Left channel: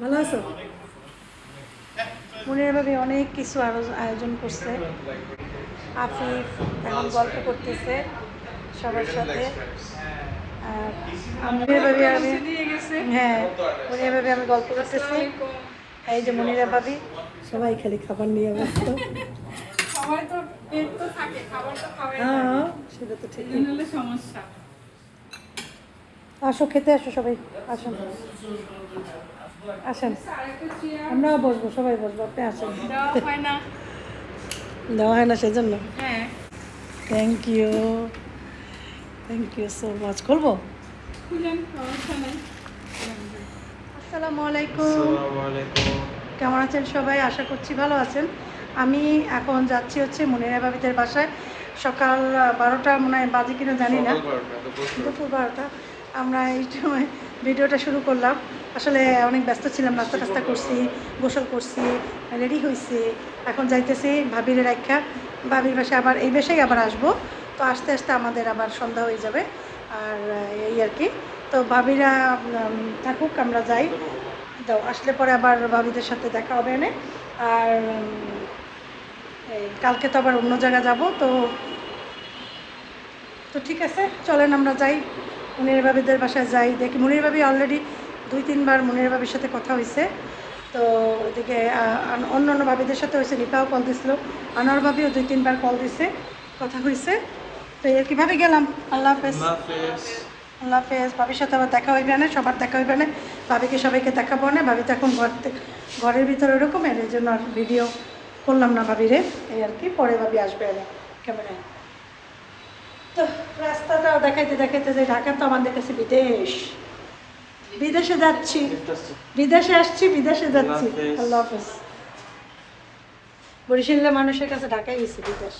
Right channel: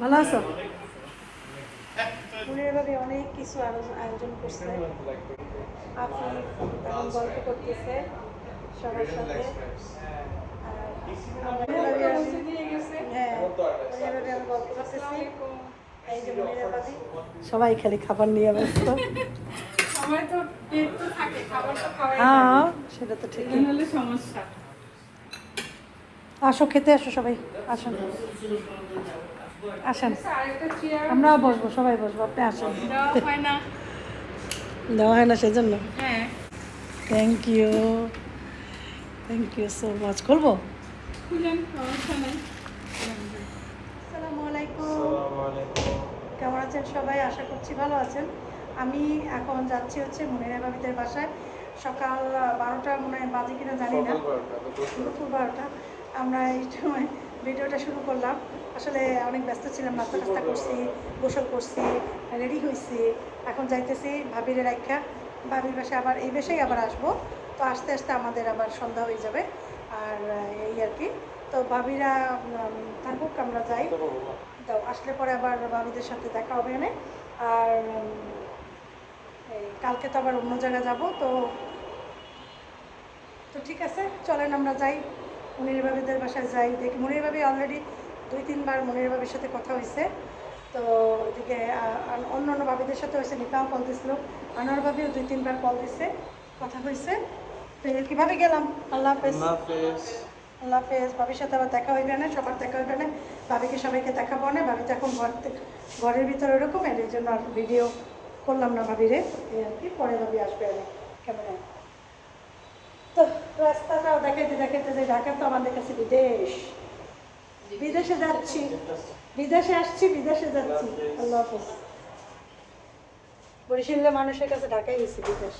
ভালো আছো? মনের ভাবে অনেক কিছু আয়োজন করছে। আফিফ গল্প করতেছে সবার সাথে। মনের ভাবে আমি হ্যাঁ মনের ভাবে আমি গল্প করতেছি। এই যে মনিরা ভাবি সবাই খালি খাবার নিয়ে ব্যস্ত। সবাই তো পেট তো থাকে, খাবার তো খাওয়াই হ্যাঁ লাগে। সেটা তো ঠিক। এই হলো সমস্যা। আসো খেতে আসো সবাই, আসুন আসেন। আরেকটা চেয়ার আমরাও বসবো, সবাই বসবো, আপনি আসেন। দেওয়া হয় না। দেওয়া হয় না সেজন্য। হ্যাঁ, থ্যাংক ইউ সো মাচ। করবো। খুলেন, সমস্যা নাই। আসসালামু আলাইকুম। কেমন আছেন সবাই? আশা করছি ভালো আছেন। আমি এখন যাচ্ছি হচ্ছে মনিরা ভাবিদের বাসায়। সকাল 12টা মনে হয় বাজে কিনা জানি না, দুপুর 12টা। আমরা এই সময় ভিডিওটা শুরু করলাম। আসলে অনেক ব্যস্ত ছিলাম, নাস্তা টাস্তা করছি, গোসল করছি, রেডি হয়েছি। এখন যাইতেছি ভাবির রাখা, ভাবির বাসায় আবার এই বাসায় আবার আসবো। তো আস্তে আস্তে আমাদের আবার সন্ধ্যা হয়ে যাবে। আর এই আর কি। তো ভাবিরা থাকুক, আমরা যাই। তো আসলে পরে আবার ভাবিদের সাথে দেখা হবে এনে। আর এই কালকে তো আবার অন্য জায়গা যাব। তো তো ঠিক আছে, চলেন আমরা যাই মুনির ভাবিদের বাসায় যাই। দেখি মুনির ভাবি অলরেডি 2-3 বার মুনির ভাবির সাথে কথা হয়েছে। তো ওইদিকে অন্য অন্য ভাবিদের সাথে হয়েছে, রিপাও কল দিছিল, আনোয়ার ভাবিও 2-3 বার কল দিছে, কথা হয়েছে। তো এর কীভাবে গেলাম। আল্লাহ হাফেজ। আল্লাহ হাফেজ। ভাবির সাথে আবার দেখা হইবে না, সবার দেখা হইবে না। ভাবিকে সবাইকে দেখাবো না। ভাবি তো এখন ঘরের ভিতরে ওরকম, এর জন্য আর ভিডিও করলাম না ভাবিরে। এই আর কি, পরে ভাবি আসবে এনে ক্যামেরায়। তো রাস্তাটা দেখাইতে দেখাইতে যে ঢাকা তো আমাদের কাছে বিদেশ। বিদেশে যাচ্ছি, বিদেশে আসছি, বিদেশে যাচ্ছি। আল্লাহ হাফেজ। বরিশালের মানুষের কাছে ঢাকায় গেছি বিদেশ।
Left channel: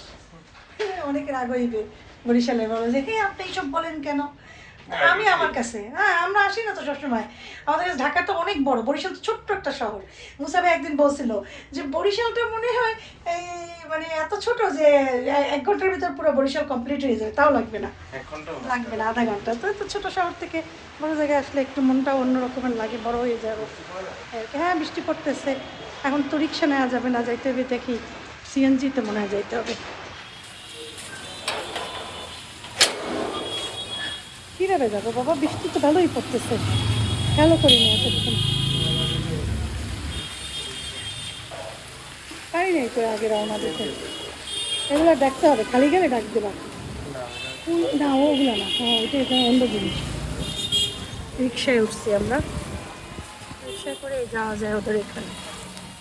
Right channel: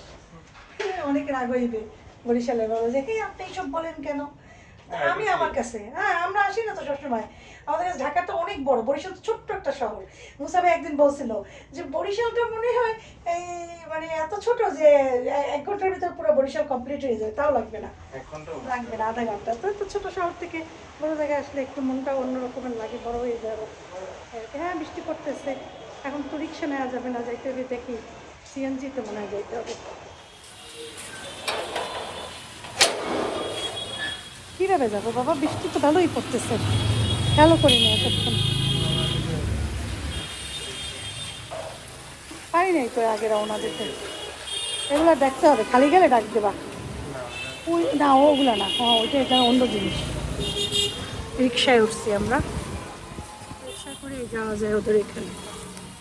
অনেকে রাগ হইবে, বরিশালে বলো যে হ্যাঁ আপনি এইসব বলেন কেন। আমি আমার কাছে হ্যাঁ, আমরা আসি না তো সবসময়। আমাদের কাছে ঢাকা তো অনেক বড়, বরিশাল তো ছোট্ট একটা শহর। মুসাবে একদিন বলছিল যে বরিশালটা মনে হয় এই মানে এত ছোট যে 1 ঘন্টার ভিতর পুরো বরিশাল কমপ্লিট হয়ে যায়, তাও লাগবে না, লাগবে না আধা ঘন্টা। তো এত ছোট শহর থেকে বড় জায়গায় আসলে একটু মনটা অন্য রকমের লাগে, বড় হয়ে যাবো। হ্যাঁ বৃষ্টি পড়তেছে, এখন তো রিক্সা নেওয়া যাবে না, যাইতে হবে দেখি সিএনজিতে মনে হয় যাইতে হবে। কীভাবে যাবো বাবা, বৃষ্টি তো ভালোই পড়তেছে, খেয়ালও করি না এতক্ষণ। পারি নাই তো আগে রওনা দিতে, এগুলো দেখতে হবে, খালি গেলে ডাক দেবা। ওই না ওগুলো না, হ্যাঁ ওইটা এটা অন্য জিনিস। রিক্সায় উঠছি আমরা, রিক্সা করে যাওয়া যায় ওদের এখানে,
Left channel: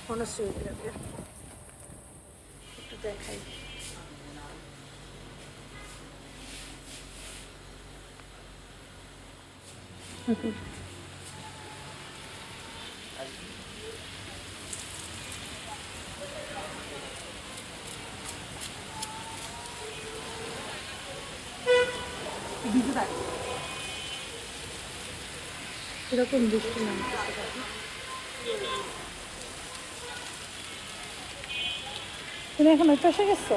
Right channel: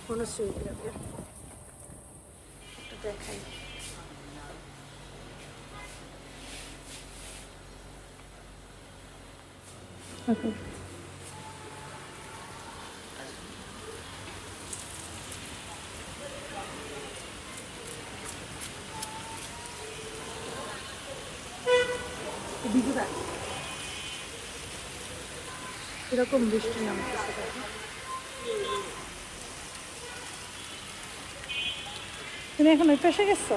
মনসুর যাবে। ওকে। এরকম বৃষ্টি নামতেছে। তুমি এখন ওই পাশে গেছো?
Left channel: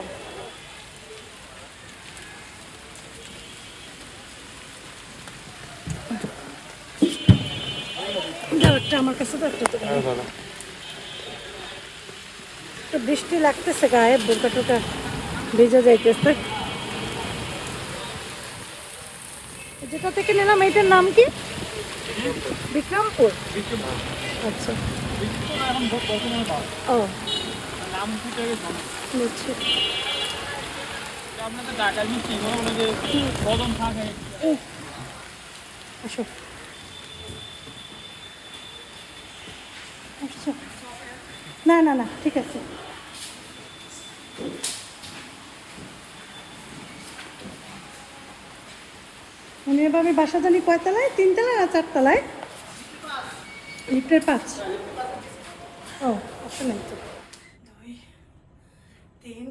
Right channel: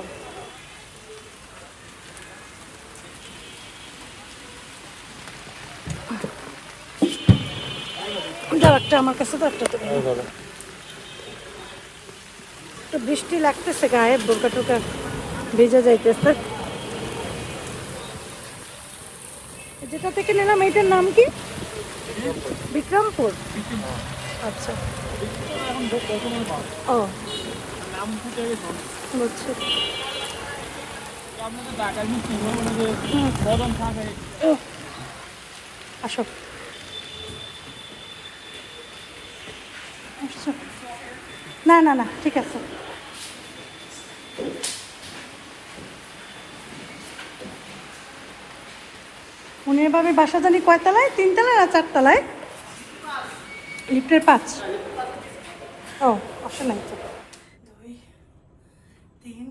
দাও একটা আমার কাছে, তো একটা তো বৃষ্টি লাগতেছে, গায়ে বোকা টোকা ভিজে যাইতেছে। যেটা থেকে নিলাম এটার নাম কি? বিক্রমপুর। আচ্ছা ও বুঝছি। আসো না না না ঠিক আছে। উনি এভাবে বাসা জানি কয়তলায়, 3 তলায় না 4 তলায়? লিফটের 5। ও আসে নাই তো। 2 3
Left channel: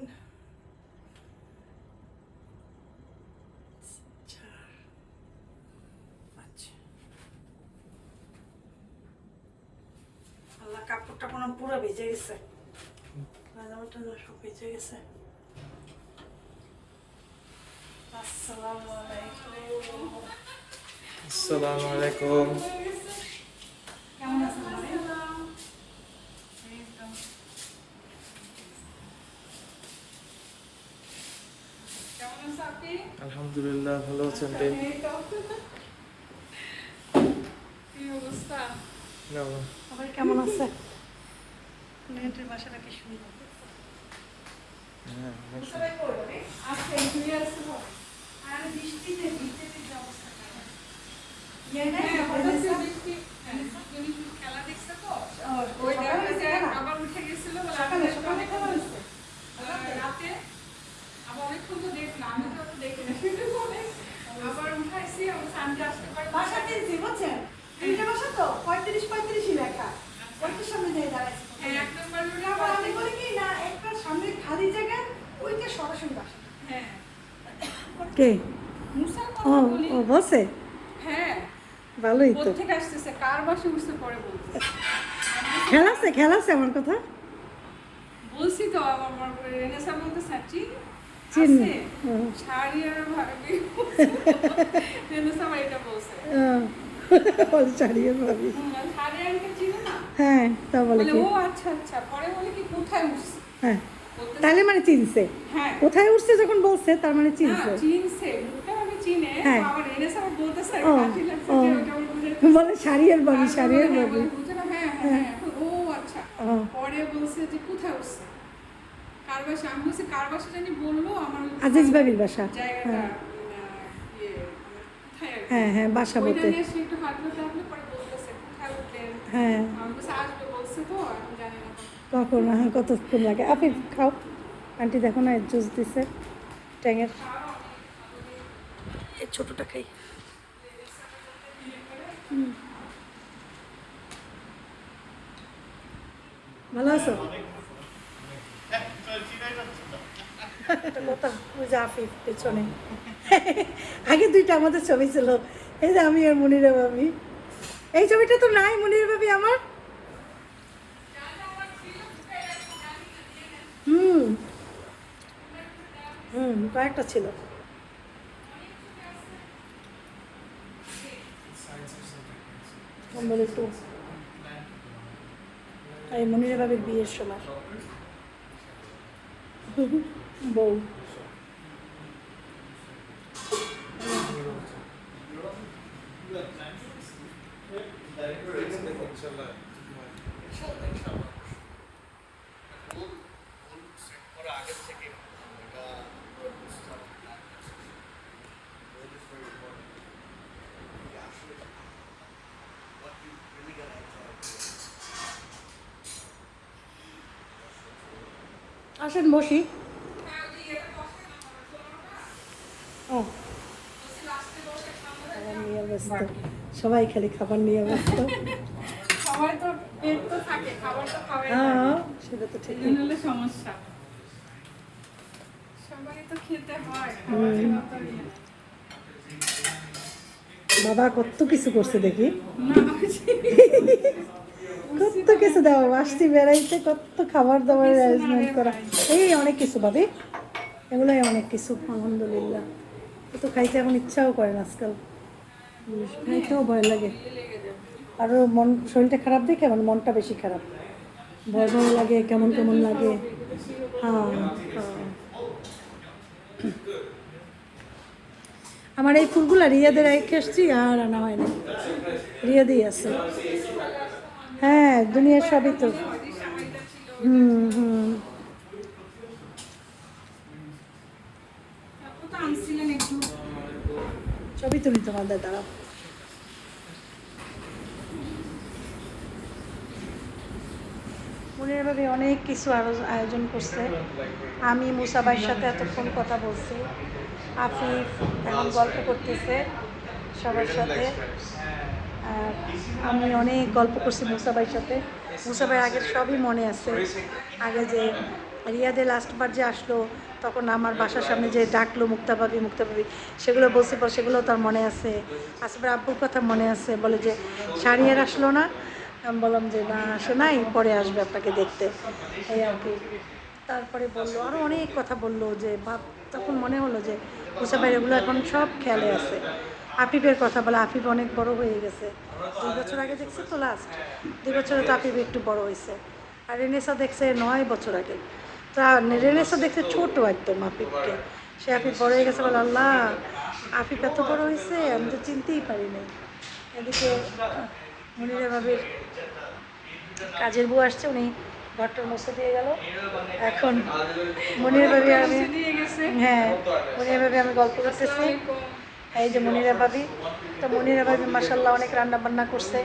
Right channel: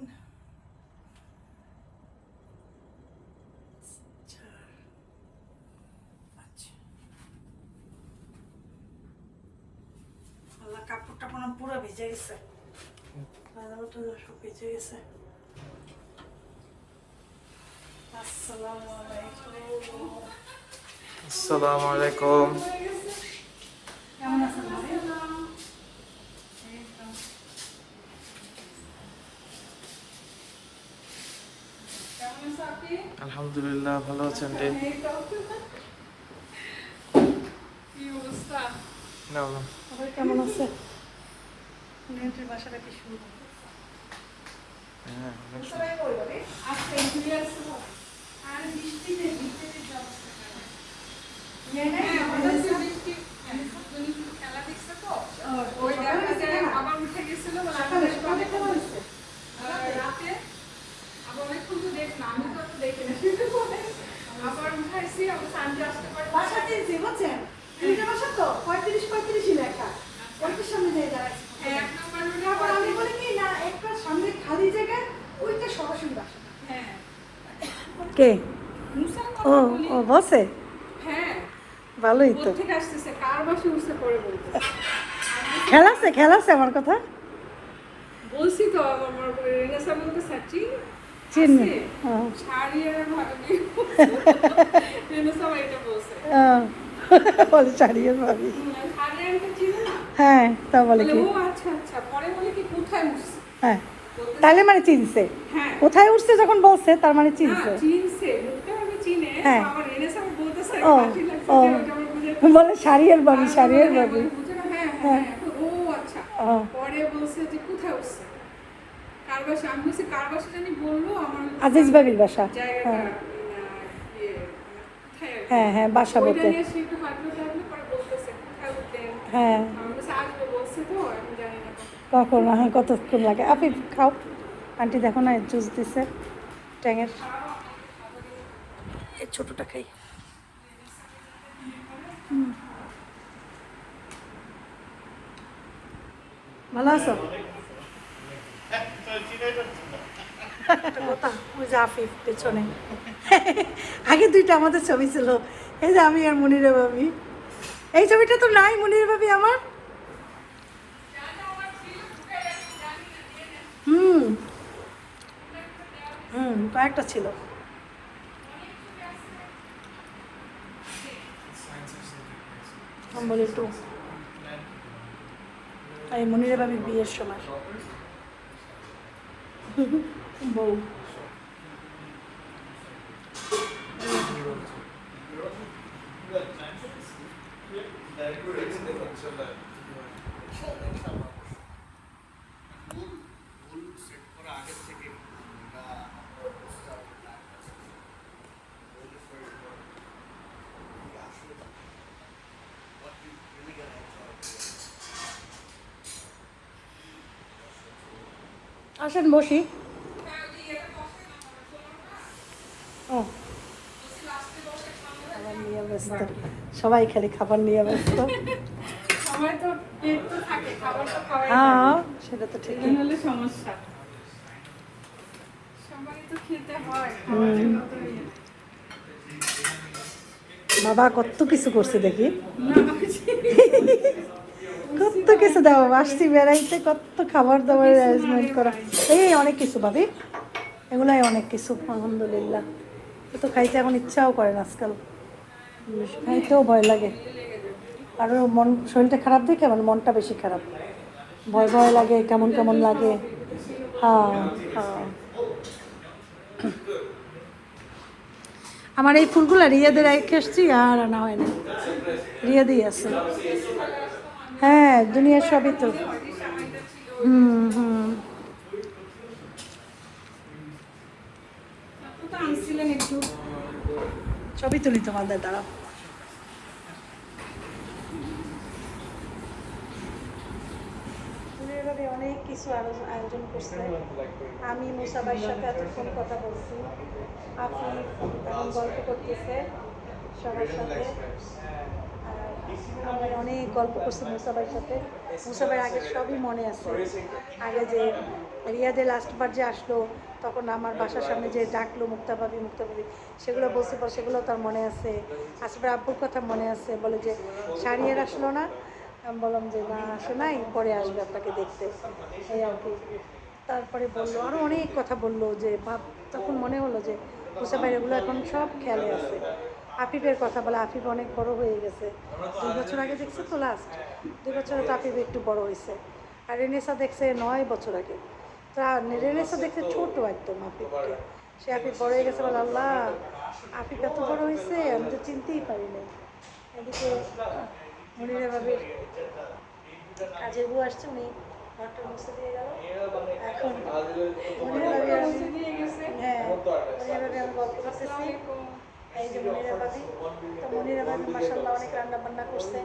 4 5। কাপড়টা পুরো ভিজে গেছে, সব ভিজে গেছে। আসসালামু আলাইকুম। কেমন আছেন ভাবি? এই তো। কেমন আছো আপনি? আলহামদুলিল্লাহ ভালো আছেন রে? এই তো। কি অবস্থা? না না। সবাই কেমন আছে? নিয়ন্ত্রণ বাসাটা কি সুন্দর। সবাই করবে রে? আজকে ঘুরে আসবো। আর বৃষ্টিতে ভিজে অবস্থা খারাপ। হ্যাঁ, ওটা হচ্ছে বৃষ্টি। তুমি খেলা দেখছো তো? ওই দেখা যায় আবার উঠে গেছিল বলে সকালে কেমন হয়েছে? রাতে আবার অনেকক্ষণ তো দেখলাম, আমি তো দেখি না। আবার উঠাইছি, আবার সানডে আসতে পারে। বাসা কিনছি বুঝছেন? তিনটা বাসা তো 35-35 লেখা। ওইটার সামনে দিয়ে দাঁড়াইছি। এক নম্বর রুটে আবার আমি বলি কি না একটা সামনে খালি জায়গা ওইটা সরাসরি বাসা। হ্যাঁ। কে? মুসার ও কথা বলি। ও বসে হ্যাঁ। ভালোই তো। কোথা থেকে আসতেছে? কার বাসে উঠছে পরে বলতে। খেলাছে আমার কথা বলছি তো আমার রেনেসা বলতে সাচি চিন ছাড়িয়ার ভাবি রেনেসা এটা বলছে। বলে চারিয়ে ভাবি ছাড়িয়ারকে চিনে না? হ্যাঁ তা বলে বলে কি ও আচ্ছা আচ্ছা, পরে বলে কি কোথায় উঠছে? হ্যাঁ তাহলে মানে চিনছে হ্যাঁ। কোথায় উঠছে যখন বলছে তার মানে না, চিনছে চিনছে, লোকটা ভাবে চিনে। হ্যাঁ। আমার রেনেসা বলতেছে ও হাসি লাগছে ও যে ওটা বুঝে। বলে শাড়িয়ার ভাবি শাড়িয়ার হ্যাঁ, ভাবি বুঝে না, হ্যাঁ হ্যাঁ ও আচ্ছা। ও পরে বলছে যে কোথায় উঠছে? কার বাসা? আমি বলছি কার বাসা জানি বললো আমার আজিজ ভাবির বাসা জায়গাটা হ্যাঁ ইয়ে, কোথায় আর কি? হ্যাঁ হ্যাঁ বাসা ওইটা বলতে নিয়ে সে একটু পাঠাতে হবে, পরে বলতেছে কোথায় উঠলেন? হ্যাঁ আমি বলছি আসবে বলছে তো, আমি জানি না কখন। কখন হ্যাঁ কতক্ষণ লাগে আপনি খাও আন্টি দেখো না জুস দিছে ট্যাঙের এই ছোটটা খাই ভালো আছো একটা কথা, ওই যে আফিফ পেছনে আগে দুইটা আমাদের ছবি ছিল এই যে আমি আর মনিরা ভাবি এই ছবিটা তো নাই মনিরা ভাবি আমার হুম হুম কয়েকটা ছিল বলে একটু এই মনিরা ভাবির বিয়ের সময় বউ আসেন বসি ও সবাই খালি খাবার নিয়ে ব্যস্ত সবাই তো পেট তো থাকে, খাবার তো খাওয়াই হ্যাঁ লাগে। সেটা তো ঠিক এই হলে সমস্যা। সবাই তো খেতে হয়, খাওয়ার জন্য তো ইয়ে। বাবা কত কিছু করছে দেখি না, কত কিছু দেওয়া আসছি বেড়াইতে কত খাবার দাবার অ্যারেঞ্জমেন্ট করা এই অনেক কিছু ভাবি এগুলাই অনেক কিছু আলহামদুলিল্লাহ তো খাইতে এখন ইচ্ছাও করে না আজকাল খাইতেও ভয় লাগে আরও মন শরীরটা খারাপ দেখে আমার মনটা বেশি খারাপ ভয় ভয় লাগে কেমন কেমন লাগে হ্যাঁ হ্যাঁ আমার এই ফুলগুলো রিয়াদের রেখে এসছি আর আনা হয় না রিয়াদেই আছে হ্যাঁ দুনিয়ার সবই তো হুম হুম আপনি তো আনছিলেন একটু। ছবি তুলি তোমাদের দ্বারা এভাবে অনেক কিছু আয়োজন করছে আমি মুসাবাইয়ের সাথে এতক্ষণ কথা বলছি আফিফ গল্প করতেছে সবার সাথে আমি অনেক গল্প করছি মুসাবাইয়ের সাথে মুসাবাই আগের সবই মনে আছে আগে যে রিয়াদে লাস্টবার যে আসলো তখন আমার বাসার সামনে যে ডাকলো মুক্তা ভাবি সেগুলো বলছি পর সেগুলো তার মনে আছে আসবার আব্বুর কথা মনে আছে বলে যে শাড়িয়ার আসলো না আমি বললাম যে না আসে নাই পরে আসবে আপনাকে দেখতে এই আর কি তারপরে বললো আরও অনেক কথা বললো যে তখন মনে হলো যে মুসাবাই এগুলো এখন সব খেয়ালে আছে আফিফের কথা বলে। আফিফ অনেক বড় হয়ে গেছে, 2 বছর আগে দেখছে তো লাস্ট, 2 বছরে তো আফিফ একটু বড় হয়েছে। আর রেনেসা দেখছে 9 বছর আগে। তা রেনেসা দেখছে ছোট একদম আফিফকে, সে আফিফ বড় হয়ে গেছে বলে আল্লাহ আফিফ এত বড় হয়েছে আমি তো চিনতেই পারি নাই। এদিকে মনিরা ভাবির কাজের বউ আসছে, উনি ঘরটার মুছে দিয়ে গেল। এখন মনির ভাবি আমি দিয়ে গেছে। হ্যাঁ মনিরা ভাবি আমি গল্প করতেছি। এই যে মনিরা ভাবি, তো মনিরা ভাবি মাসাল্লাহ অনেক রান্না বান্না করছে,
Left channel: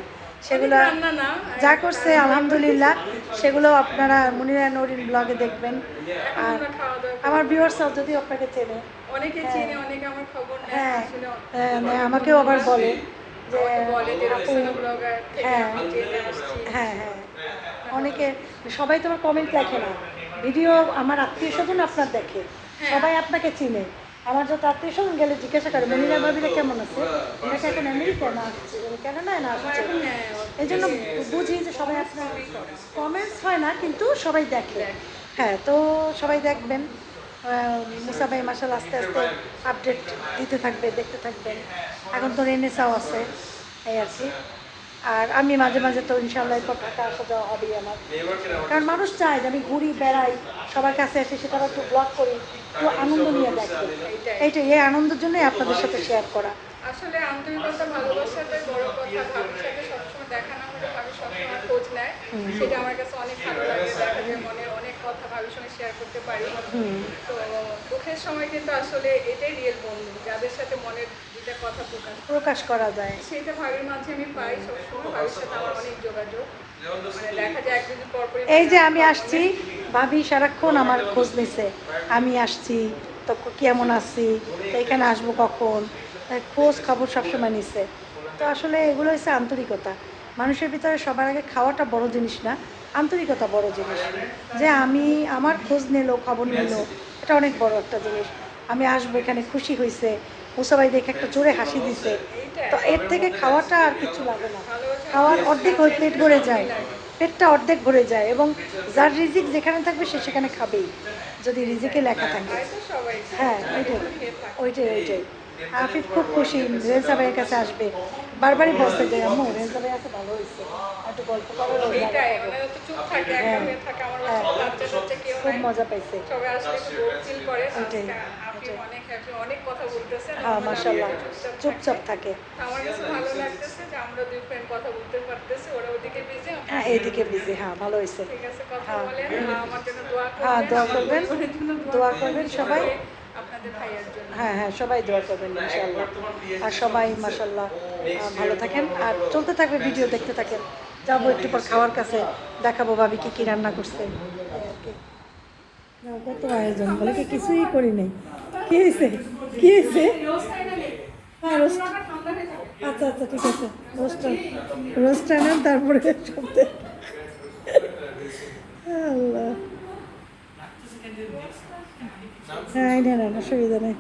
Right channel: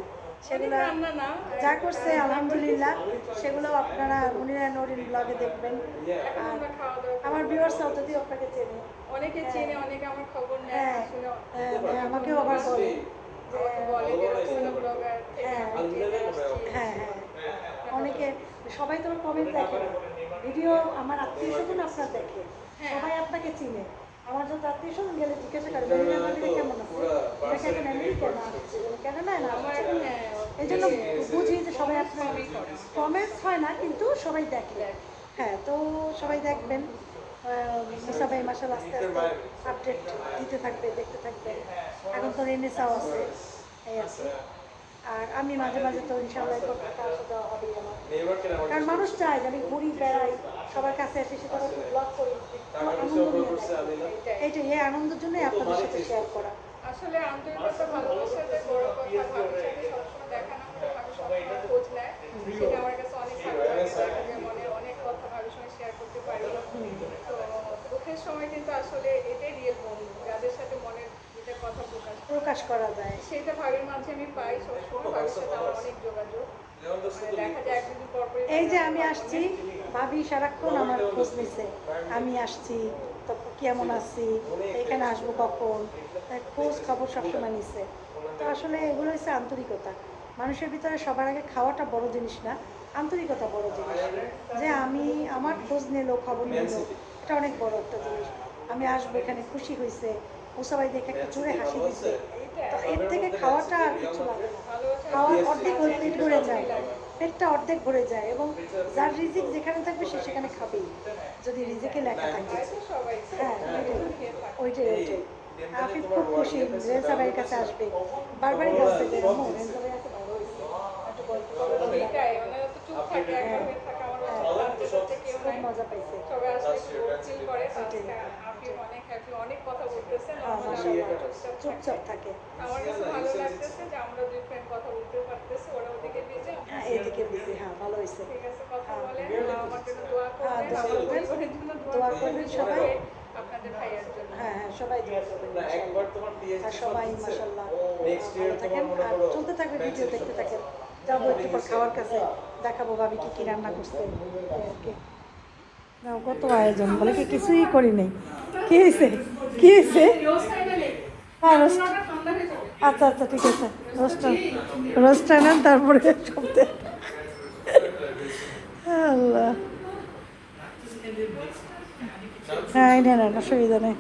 সেগুলো রান্না না, যা করছে আলহামদুলিল্লাহ সেগুলো আপনারা মনিরা নরিন ব্লগে দেখবেন। এখন আর আমরা খাওয়া দাওয়া করি। আমার ভিউয়ার্সরাও যদি আপনাকে চেনে, অনেকে চিনে, অনেকে আমার খবর নেয় হ্যাঁ আসলে। আমাকেও আবার বলে যে আমাকে বলে যে আপু, রুকসানা ব্লগার থেকে হ্যাঁ আমি জেনে আসছি। হ্যাঁ হ্যাঁ অনেকে, সবাই তোমার কমেন্ট দেখে না, ভিডিও আমার আত্মীয় স্বজন আপনার দেখে, সবাই আপনাকে চিনে। আমার যত আত্মীয় স্বজন গেলে জিজ্ঞাসা করে মনিরা ভাবিরা কেমন আছে, ওনাকে এখন আমেরিকা না আসছে কেনাডায় না আমার আসছে, এখন এই জন্য বুঝি যে সবাই আপনার কমেন্টস হয় না কিন্তু সবাই দেখে। হ্যাঁ তো সবাই দেখবেন, মুসা ভাই মাসাল আস্তে আস্তে আপডেট দিতে থাকবে, দেখতে থাকবেন। এখন তো রেনেসাও আছে এই আর কি। আর আমি মাঝে মাঝে তো ইনশাল্লাহ এরপর ঢাকা আসা যাওয়া হবেই আমার, কারণ মানুষ চায় যে আমি ঘুরি বেড়াই সবার কাছে এসে সেটা একটু ব্লগ করি, একটু আনন্দ নিয়ে দেখি। এইটাই, এই আনন্দের জন্যই আপনাদের সাথে শেয়ার করা। আসলে আন্তরিকতা ভালোবাসাটাই বড় কথা। ভাবির সাথে সবসময় দেখা না হলে ভাবি সবসময় খোঁজ নেয়, সেটা আমার কাছে অনেক ভালো লাগে। দেখা যায় মনের অনেক কথা ভাবির সঙ্গে শেয়ার করতে পারি। তো দুঃখের সময় কিন্তু আসলে এটাই রিয়েল বন্ধু, যাদের সাথে মনের দুইটা কথা প্রকাশ করা যায়। সেটা ভাবির মাঝে আমি পাই সবসময়। ভাবির সাথে আমার অনেক যোগাযোগ, মানে দেখা যায় একদিন পর পরই এই যে আমি আসছি, ভাবি সারাক্ষণ আমার খোঁজ নিছে, আমি আসছি তো কেমন আছি, তো এখানে আসবো কখন, খোঁজ খবর সবসময় নিছে। তো আসলে এগুলো হচ্ছে আন্তরিকতা। মানুষের ভিতরে সবার আগে খাওয়াটা বড় জিনিস না, আন্তরিকতা বড় জিনিস। যে আমি আমার খোঁজ নিল, খবর নিল, এটা অনেক বড় একটা জিনিস। আমি আসবো এখানে, খুশি হয়েছে, মুসাবাই দেখে একটা জোরে হাসি দিছে, তো এর থেকে খাওয়াটা আর কিছু লাগে না। খাওয়ার অর্ধেক ওই প্লেট ভরে যায়, পেটটা অর্ধেক ভরে যায়, এবং যার রিজিক যেখানে থাকবে সে সেখানে খাবেই, যদি রিজিকে লেখা থাকে। তো সবাই হ্যাঁ ওইটাই ওইটাই। আফিফ খুব খুশি রেঞ্জা ভাইয়ের কাছে আসবে, বারবারই বলছে যে আম্মু রেঞ্জা ভাই আছে ভালো হয়েছে, একটু গল্প করার সেটাই, মানে তো চুপ থাকে, একা হয়ে থাকে। আমার বাচ্চা টাচ্চা কেউ খুব নাই, মজা পাইছে। সবাই আসলে একটু বোর ফিল করে। ওইটাই, আপনি অনেক হ্যাপি, অনেক কথা বলতেছে। হ্যাঁ মাশাআল্লাহ চুপচাপ থাকে। আমার কাছে ভালো লাগতেছে যে আমরা দুই ফ্রেন্ড কথা বলতে পারতেছি। ওরা ওদিকে বিজি, হ্যাঁ এইদিকে বিজি, হ্যাঁ ভালো হয়েছে। ঠিক আছে, কথা বলেন। আমার জন্য দোয়া হ্যাঁ করবেন, দোয়া আমার করবেন, পরিবারের জন্য দোয়া করবেন সবাই। আপনাদের ভাইয়ের জন্য। হ্যাঁ হ্যাঁ সবাই দোয়া করবেন ইনশাআল্লাহ। আর সবাই মাশাআল্লাহ ভালো থাকেন, আর চলতে থাকবে ভিডিও দেখতে থাকেন। যাবো একটু পর খাওয়ার কাছে, দেখাবো ভাবি কি কি রান্না করছে এই আর কি। কত আয়োজন, বলে কি কিছুই করি নাই। কি হয়েছে কি হয়েছে? হ্যাঁ আচ্ছা আচ্ছা ঠিক আছে, রোস্টার নেন তারপরে সবতে। আল্লাহ হ্যাঁ এই নেন, অসুবিধা নেই।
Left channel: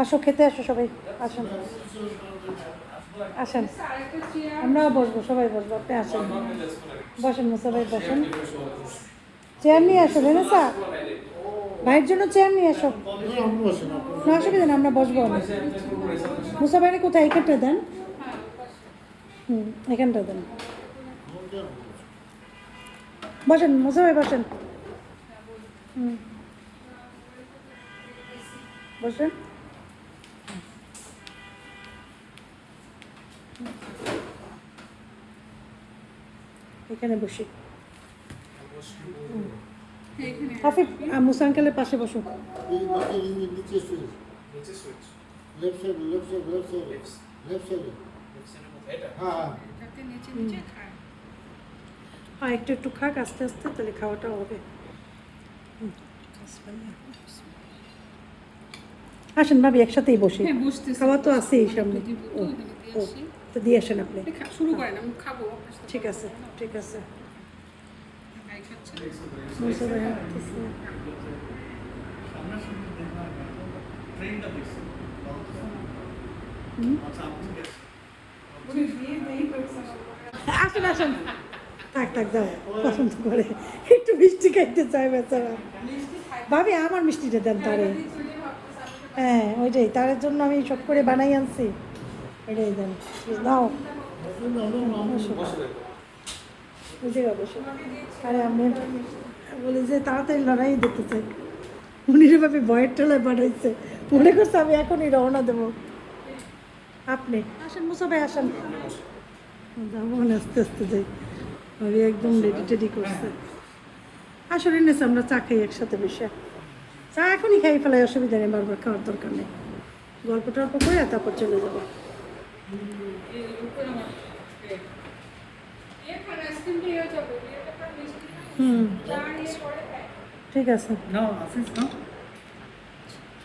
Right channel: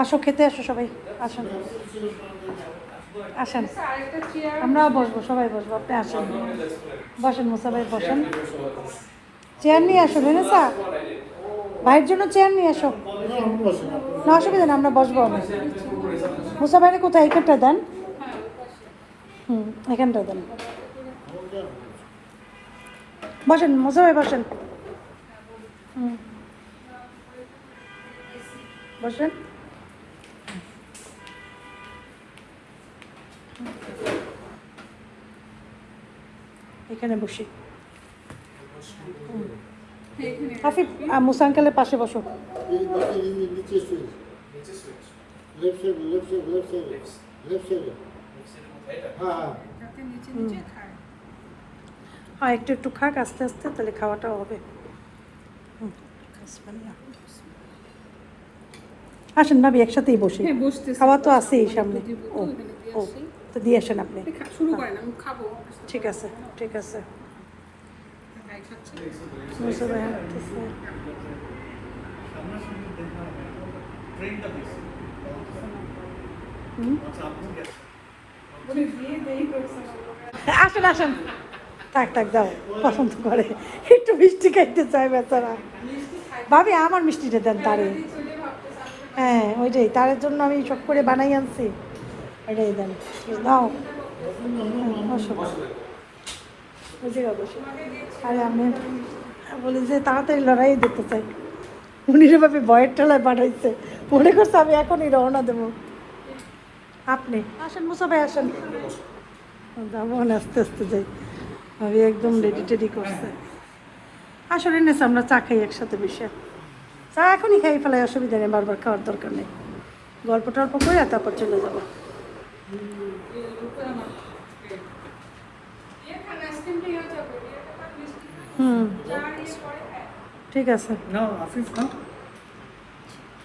আসো খেতে আসো সবাই, আসুন আসেন, আমরাও বসবো, সবাই বসবো, আপনি আসেন, বসেন মুসাফির বসেন, চেয়ার নিয়ে আসো রেনেসা, ভাইয়ের জন্য চেয়ার নিয়ে আসো। না অসুবিধা না, আমরা বসবো। আমরা মুসা ভাইরে কোথায়, এখানটা দেন, এখানটা দেন, বসেন মুসা ভাই বসেন, বসেন। এখানে বসি, হাফিফ মুসা আঙ্কেলের পাশে বসো। আর একটু একটু খাক আস্তে আস্তে, তাহলে খাওয়াটাও হবে। আসেন ভাবি একসাথেই বসি, খাওয়া তো আছেই সামনে। ও ও তো দিয়ে আসেন আপনি। শুরু করেন, আমি খাবো। ঠিক আছে, ঠিক আছে। ভাই খাচ্ছে। মুসা ভাই হাঁটতেছে। হুম? আসেন আসেন, থাক থাক যাও, পছন্দ করে একটু মিষ্টি খাইতে চায় বেচারা। ভাবি আমার মিষ্টিটা দেন তারে। হ্যাঁ ওইটাই, তারের জন্য আমি সব করে বানাই আনছি, ওইটাই দেন। নাও আরে আমি বলি যে তাড়াতাড়ি লড়াই দেখতে চাই, উনি ভাবে ভয়ের ঠেলায় বানাইছে, মনে করছে আমি এখনই রওনা দেবো। আপনি আসেন মুসা ভাই আসেন, যাবো না আস্তে আস্তে যাই। আমি একদম রেডি টেডি করছি। আসলে নেছে আমরা চা খাই একসাথে বসে, চা এখনই খাই ফেলাই, অসুবিধা নেই, বারবার খাওয়ার দরকার নেই। গল্প টল্প করে তারপর চলে যাবো। হুম ঠিক আছে, না আফিফ না,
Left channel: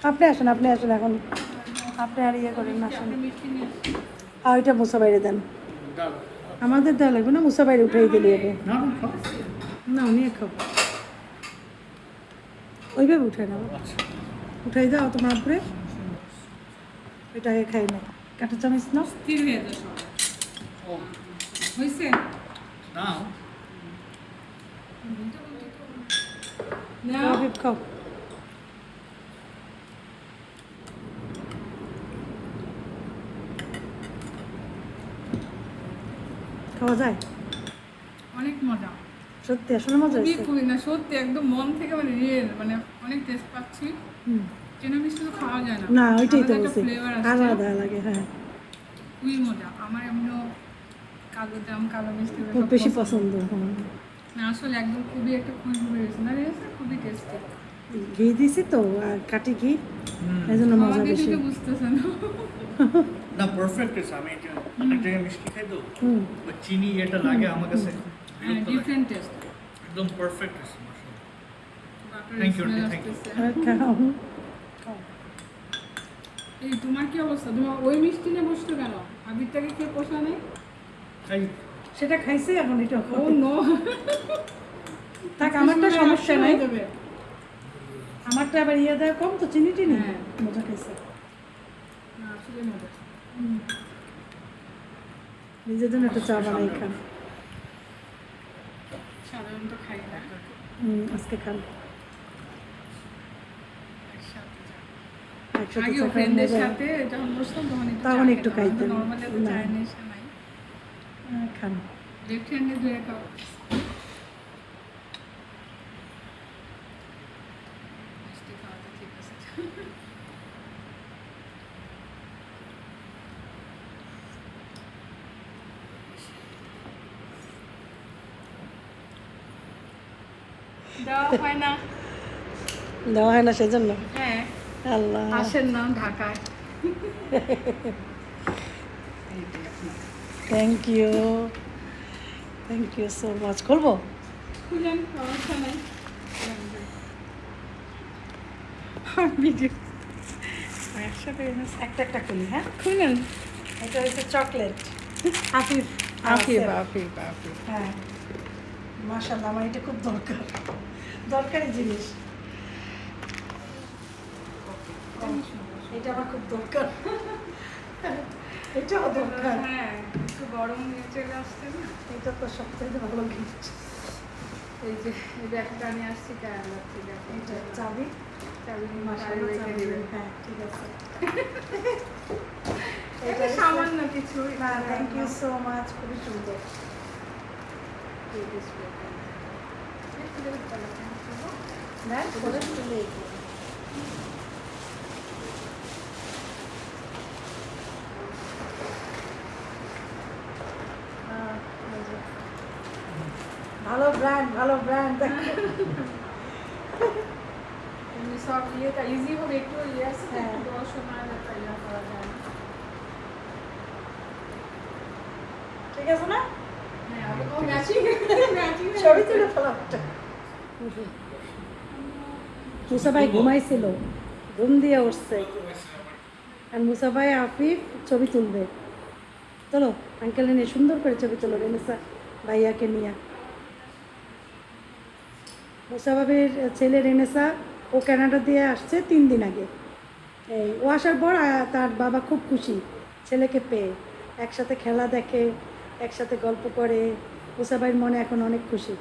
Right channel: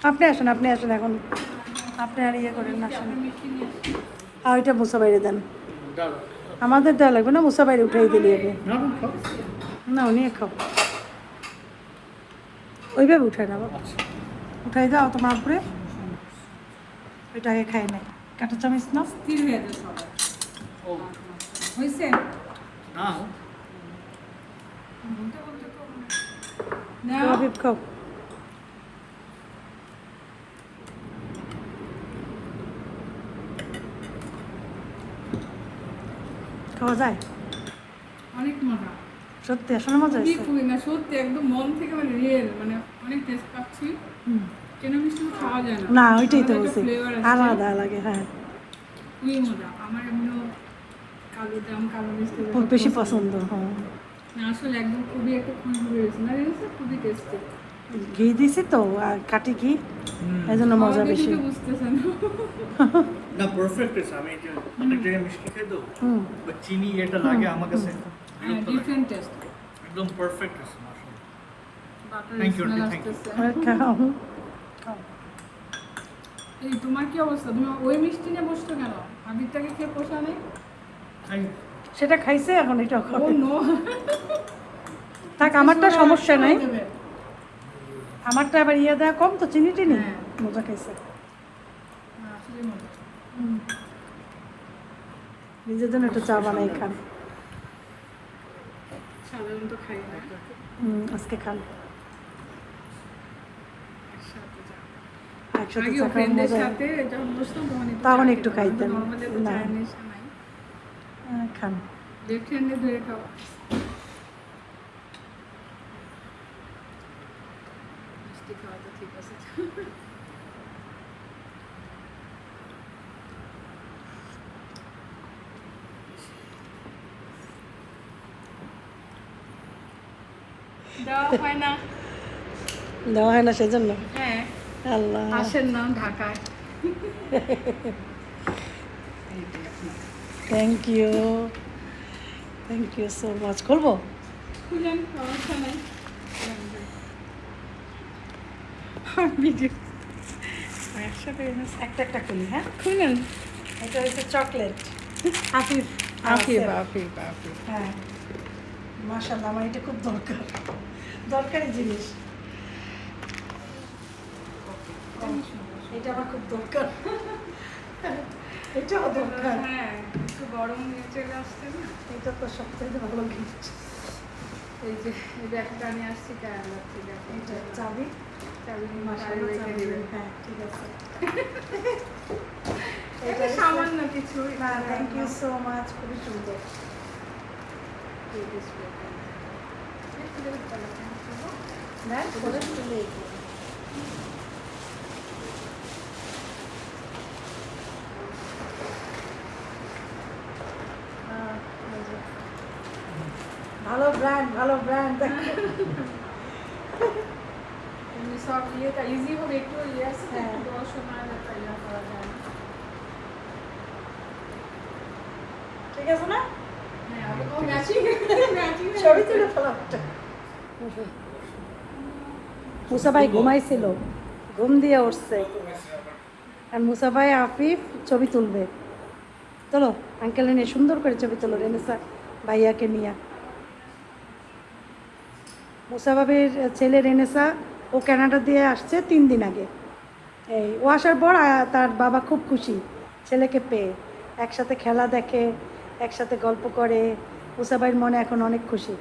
আপনি আসেন, আপনি আসেন এখন, আপনি আর ইয়ে করেন আসেন। আর ওইটা মুসা বাইরে দেন, ডাল আমাদের ডাল লাগবে না, মুসা বাইরে উঠেই দিলি আমি। না না খাও। না নিয়ে খাও, ওইভাবে উঠায় না বাবা, উঠাই দাও তোমার উপরে, ওইটা আগে খাই না, কাটা চামিচ না। স্থির হয়ে যায় সবাই। ও হয়েছে? না খাও হাবিব, খাও। খাওয়া যায় অনেক মজা। সত্যি, আসলে মজা খুবই হয়েছে। খুবই না সত্যি একদম মন থেকে, মানে রিয়েল, মানে অনেক টেস্ট পাচ্ছি। হুম। চেনা মিষ্টি তো খাওয়া যায় না। না ওইটাই তো আলাদা একটা বলছি, ফ্লেভার আছে। আলাদা লাগে। হ্যাঁ খুবই মজা। আমার এমনিও কালো জাম, কালো মিষ্টি খুব বেশি পছন্দ। হ্যাঁ না আসলে একদম খুবই একটা খুশবু বেরোচ্ছে না, রিয়েলসে খুবই টেস্টি। ঘি দিছি তো, আর কাটি ঘি, এই জন্য মজা বেশি। বুঝতেছেন না পারফেক্ট আছে। আমি এটা অনেক জায়গায় মিষ্টি খাই তো, হুম বা চিনি এটা লাগে আমার কাছে বিরক্ত লাগে। Different taste. একদম পারফেক্ট আছে মাশাআল্লাহ। Butter Thank you, smell thank you. আসতেছে। আর খাও। এই তোমার কি অবস্থা? তুমি ওই মিষ্টি নিয়ে বসছো কেন? আবিরটাকে খেয়ে পোষা নেই? খাই সেটা খাইছে, এখন এটা ও খাবে। নো। থাক, আমারটা সমস্যা নাই, আমারটা আবার ইয়ে দেওয়া কম তো, চিনি টিনি হ্যাঁ। মজা খাইছে। আসলে মজা। নিজের জন্য একটু চা বানাই খান। সাধারণত খাই না। আজকে খান একসাথে চা। একসাথে আগে চা খাওয়ার ফ্রেন্ডদের মজা। সাথে যখন বসতাম তখন তখন একটু খাইতেন। নর্মালি তো না। চায়ের নেশা নাই। খান। লেফট হ্যান্ডে ধরে খাও। মিষ্টি খাওয়া তো ঠিক আছে। দেওয়া হয় না। দেওয়া হয় না সেজন্য। হ্যাঁ, আল্লাহ, আসেন না ঢাকায়। Thank you, thank you so much. খুলবো? খুলেন, সমস্যা নাই। ভিডিও একসাথে একটা একটা খুলি। হ্যাঁ, খুলেন। এটা হচ্ছে চকলেট আফিফ। আফিফ আছে। আফিফ আফিফ। হ্যাঁ মাশাআল্লাহ, আমার এটা খুব দরকার, দরকারি জিনিস। এটা আমার খুব দরকার, এটাও দরকার। হ্যাঁ, একটু গরম নিয়ে চলে আসছে না। এটা তো সবথেকে ভালো গিফট। এই যে এই ব্যাগটা নিয়ে আসছি কেরালা থেকে। এটা চাবি, চাবি নিয়ে বাইরে মাশাআল্লাহ রেখে চাবি। দিবেন। হ্যাঁ ঠিক আছে। এটা সামান্য কিছু। না, থ্যাংক ইউ সো মাচ, খুবই সুন্দর। দেখ করে তুলে ভালো ব্র্যান্ড, ভালো ব্র্যান্ড। এমনি সব ইয়েটা ইজি হবে, একটু ইয়ে আছে হ্যাঁ। একটু দেওয়ার সময় একটা ইয়ে করা যায় না। ঠিক আছে না? হ্যাঁ, ও ম্যাচিং ম্যাচিং ছবি তুলে ফেলো একটা। মুসা ভাই ঘুমাইছিল, ঘুম দিয়ে উঠছে, আর মুসা ভাই আফিফ ছবি তুলবে। চলো আঙ্কেল নিয়ে সুন্দর করে ছবি তোলো রেনেসা ভাইয়াকে নিয়ে। মুসাবাবির ছেলে রেনেসা ও কানাডা দিয়ে আসছে 3 দিন আগে। এই ও আসার পর তার বাবা খুব খুশি ছেলেকে পেয়ে, একসাথে খেলা দেখে, একসাথে গল্প করে। মুসাবাইর মনে এখন অনেক খুশি।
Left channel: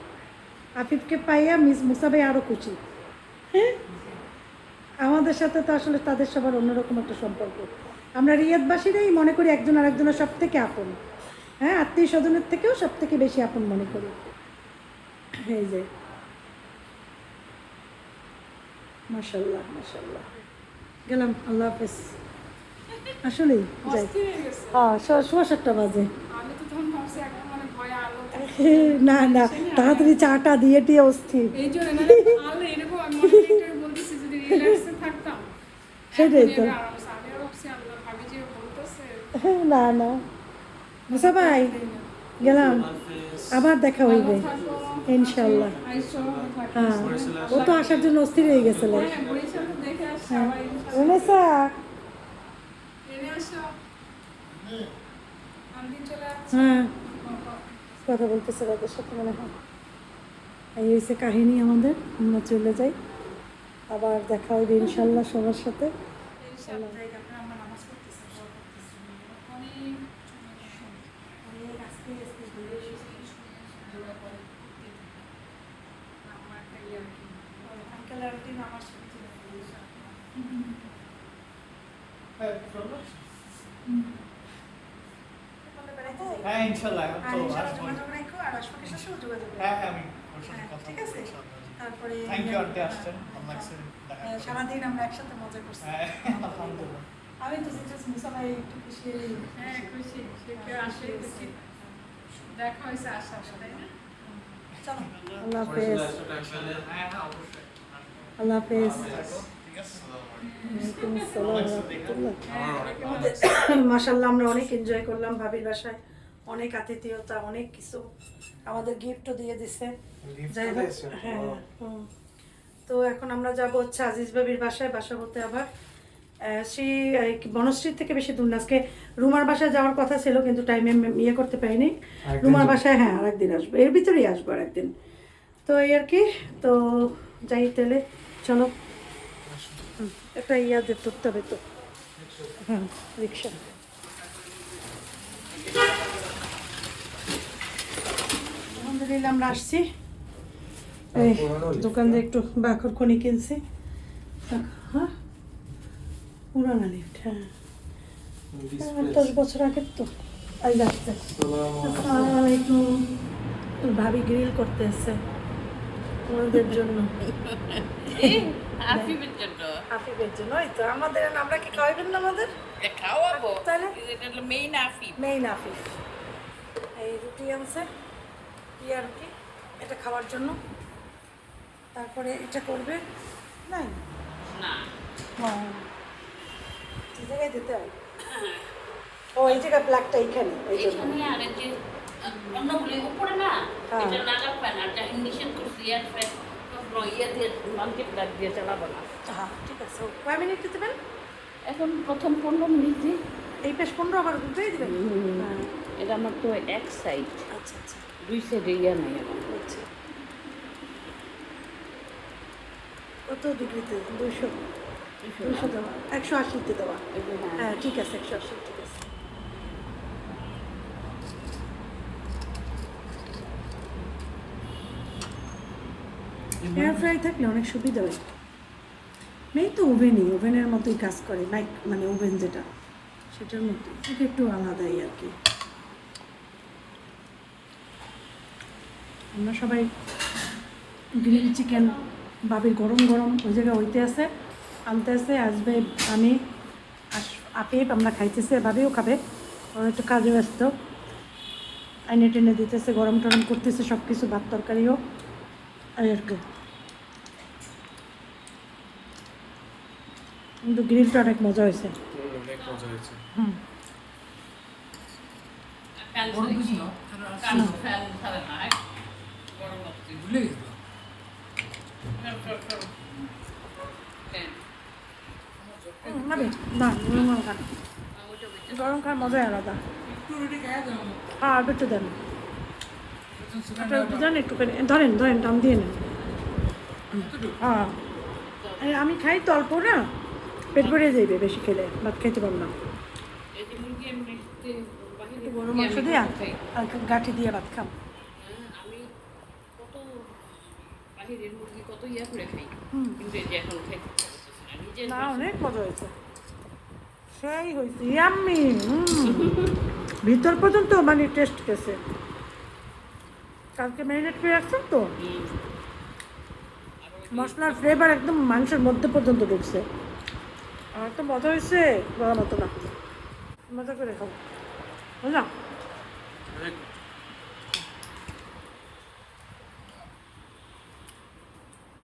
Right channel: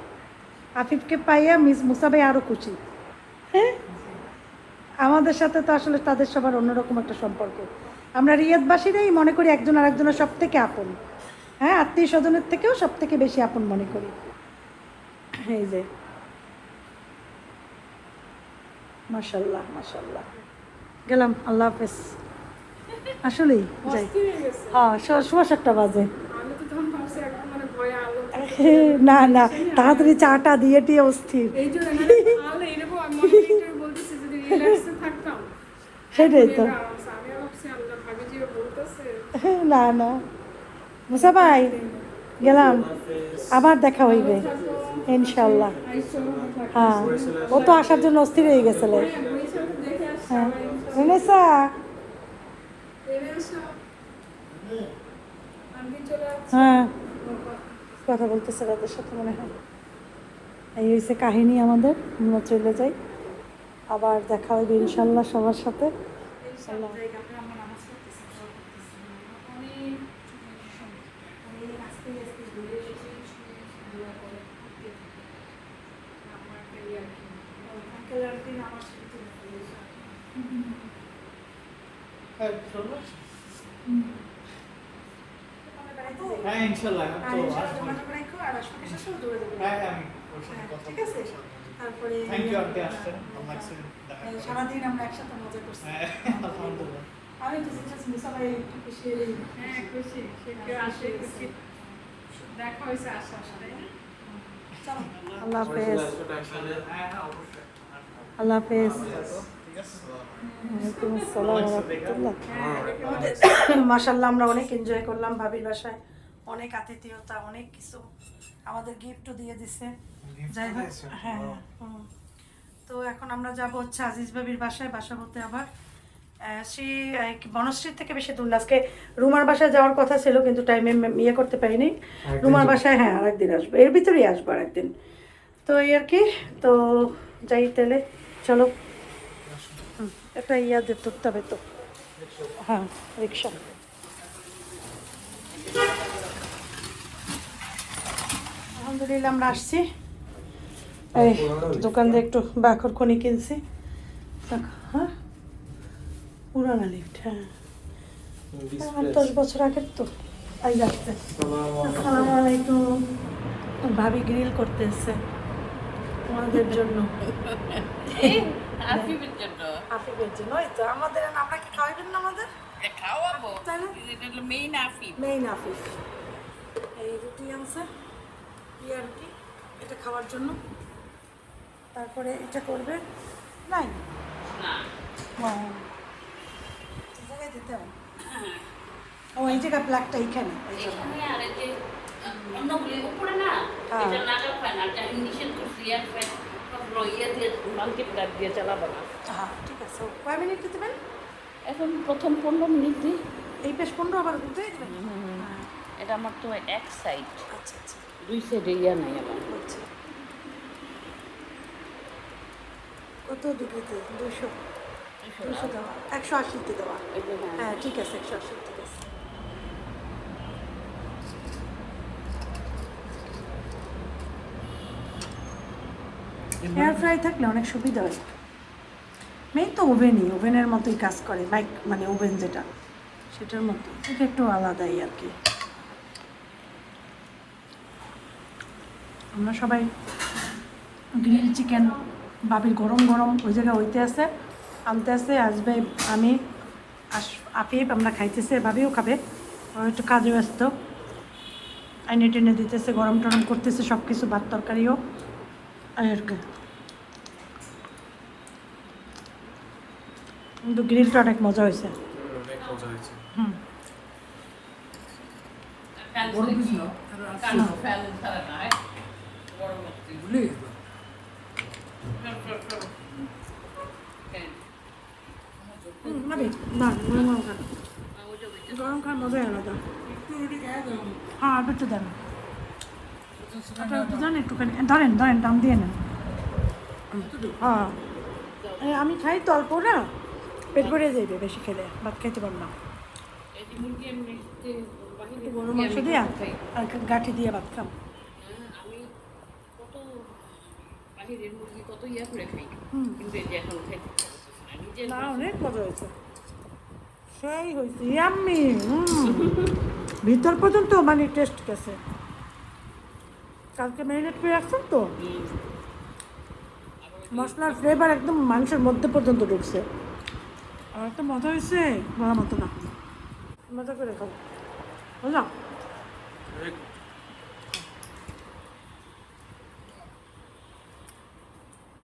আফিফকে পাইয়া মুসাবাই আরও খুশি। হ্যাঁ, আমাদের সাথে তো আসলে তাদের সবার অন্যরকম একটা সম্পর্ক। আমরা রিয়াদবাসীরাই মনে করি একজন আরেকজনের সব থেকে আপন। হ্যাঁ, আত্মীয় স্বজনের থেকেও সব থেকে বেশি আপন মনে করি। এই যে মাশাল্লাহ মাশাল্লাহ, গেলাম, আল্লাহ হাফেজ। আসলেই অস্থির হয়ে গেছে। হ্যাঁ, 7:15 বাজে। আমি তো তখন ভাবছি একদম মানে ভয়ে আলো না না, তাড়াতাড়ি চাটা দিয়ে টিয়ে অস্থির। এই জন্য মানে আলো এরকম আমি মনে মনে একটু বলতেছি যদি রিল্যাক্সে থাকতাম সেটাই তো। আরামসে। আমি ভাবছি আল্লাহ ভাবি যে বলতেছে না না মুসা ভাই, গেলাম, আবার দেখা হইবে ইনশাল্লাহ। হ্যাঁ, ও তো আসার জন্য অস্থির হয়ে গেছিল। দেখে আসছি হ্যাঁ, আবার ইনশাআল্লাহ। রেনেসা, ট্রেনে আসো আন্টি চলে আসছে। হ্যাঁ কথা বলতেছে ওদের সাথে মনে হয়। এই হয়েছে কাহিনী আমাদের, আমরা চলে যাই, আবার দেখা হবে ইনশাল্লাহ সবার সাথে। ইনশাআল্লাহ আমরা নামাজ পড়তেছি অনেক আস্তে আস্তে ঘুরে এসেছি দূরে করে আমার ক্যারিয়ার কি আঙ্কেল আন্টি নামাজ পড়তে হ্যাঁ ইনশাল্লাহ এখন তো হ্যাঁ হ্যাঁ আমি ওর সাথে কথা ঠিক আছে, বলবো। তারপরে থ্যাংক ইউ আন্টি আসছেন ভালো লাগছে দেখা করে। সারাদিন আমরা একসাথে মজা করছি। হ্যাঁ আলহামদুলিল্লাহ। আমি তো জাস্ট মুসা ভাই একটু খুশি হয়ে গেছি। হ্যাঁ খুশি সে কেউ আসে খুশি দেখা হয়েছে আশা তাই না চলো, আল্লাহ হাফেজ, হ্যাঁ হ্যাঁ অবশ্যই। আল্লাহ হাফেজ। ঠিক আছে। ওয়ালাইকুম আসসালাম ওয়া রাহমাতুল্লাহ। হ্যাঁ মাশাআল্লাহ, আমরা অনেক এনজয় করলাম ভাবির বাসায়, অনেক আতিথেয়তা, অনেক কিছু, আমাদের গিফটও দিয়ে দিছে। যাই হোক, হ্যাঁ তো এখন আমরা যাব হচ্ছে আজিজ ভাবির বাসায়। বাসা বলতে আবার শ্রী বনশ্রীর থেকে বেশি দূর না। আজকে রুমার বাসায় যাওয়ার কথা ছিল কিন্তু টাইমে ইয়ে করতে পারিনি। রুমার বাসায় হ্যাঁ আরেকদিন আসবো, এর ভিতরেই আসবো আরেকদিন। তো এই আর কি, তো যাই তাহলে, চলো। একটা ইয়া ধরতে হবে তো, হ্যাঁ রিক্সা। আলহামদুলিল্লাহ আমরা আসছি, এই দোকান দিয়ে একটু বাখর খনি কিনছি। হ্যাঁ পুরানা লিফট, হ্যাঁ 10 বছর আগের তো। এই যাচ্ছে, আসসালামু আলাইকুম। ভাবি গ্রিল করতে এসছে আমাদের জন্য, আফিফের জন্য আফিফের জন্য। এই তো আমাদের, আমরা কি খাওয়াবেন না আমাদের? খাওয়াবো তাহলে? এটা হলো মেইন আফিফ। নেই না আফিফ, এই রুটি আনছে আর কি, এটা খাওয়ার জন্য। তারপরে এটা করবে নাই না না, এই জায়গায় দিতে হয়। ও এই জায়গায় প্লাগটা এখানে, এই জন্য। এখানে আর এই যে অন্যগুলি উপরে না এটা নাগাল পায় না, যা নিষেধ করছি ইয়ার পায় ইয়ে দিয়ে নলকে প্লাগ দিয়ে চালাবো না। হ্যাঁ ঠিক আছে, 5 মিনিট দিতে পারেন। এখন প্রথম 15 মিনিট দিই। এই পেশ 15 আবার ঘুরতে দিবেন। এটা আমার তো এক সাইড, আচ্ছা আচ্ছা 2 সাইডে ইয়া নেই আমার। আচ্ছা, কত ডিগ্রিতে? 200 180 তে দেবো। এই যে হ্যাঁ ঠিক আছে, 180 ঠিক আছে। এয়ার ফ্রাই থাকলে অনেক সুবিধা হয়। এই তো ওভেনই, ওভেনের মতোই কাজ করে, মাইক মানে ওভেন যেটা সেটার মতো, এটা একটু আলাদাই আর কি। আমরা সবাই গ্রিল চিকেন, ভাবির গরম গরম ওই জায়গায় হইতে আছে, আনতে আসতে আসবে। আমি আফিফ আমরা খাইতেছে, ভাবিও খাবে, আমার একটু কাজে ব্যস্ত, আইনে টেনে দিতেছে, গরম টরম করতেছে সব কিছু, ভাত তরকারিও আর কি। কিন্তু গ্রিলটা অনেক মজা হয়েছে। হুম, বড় পিস না কান ফ্যান ধরে না গরম লাগছে ভুলে গেল। না গরম গরম খান, গরম খাওয়ার মজাই আলাদা। হ্যাঁ বেঁচে দেন জান একটুখানি ধরেন ধরেন দাম দিয়ে নেন হ্যাঁ হ্যাঁ, আমি খাই তো অল্প না পেট ভরিয়ে যাইবে বেশি খেলে ভাত খাইতে পারবো না এই যে মুরগি আমি বাহিরে গরু মাংস দিয়া আর গাঠি দিয়ে ভাত খাম আমি কত বাহিরের মুরগি কত ইয়া করে খাই হুম। কিন্তু এই যে এখন খাইতে পারতেছি না নিজের না অনেক মজা হয়েছে সেই হয়েছে ইয়াম্মি ভিতর পর্যন্ত মানে টেস্ট গেছে কালকে ম্যারিনেট করে রাখছেন তো মশলার ফ্লেভার একদম মাংসের মধ্যে পর্যন্ত ঢুকছে আমার তো মজা হয়েছে বলার মতো না মজা করে খাও বুঝলাম Very good.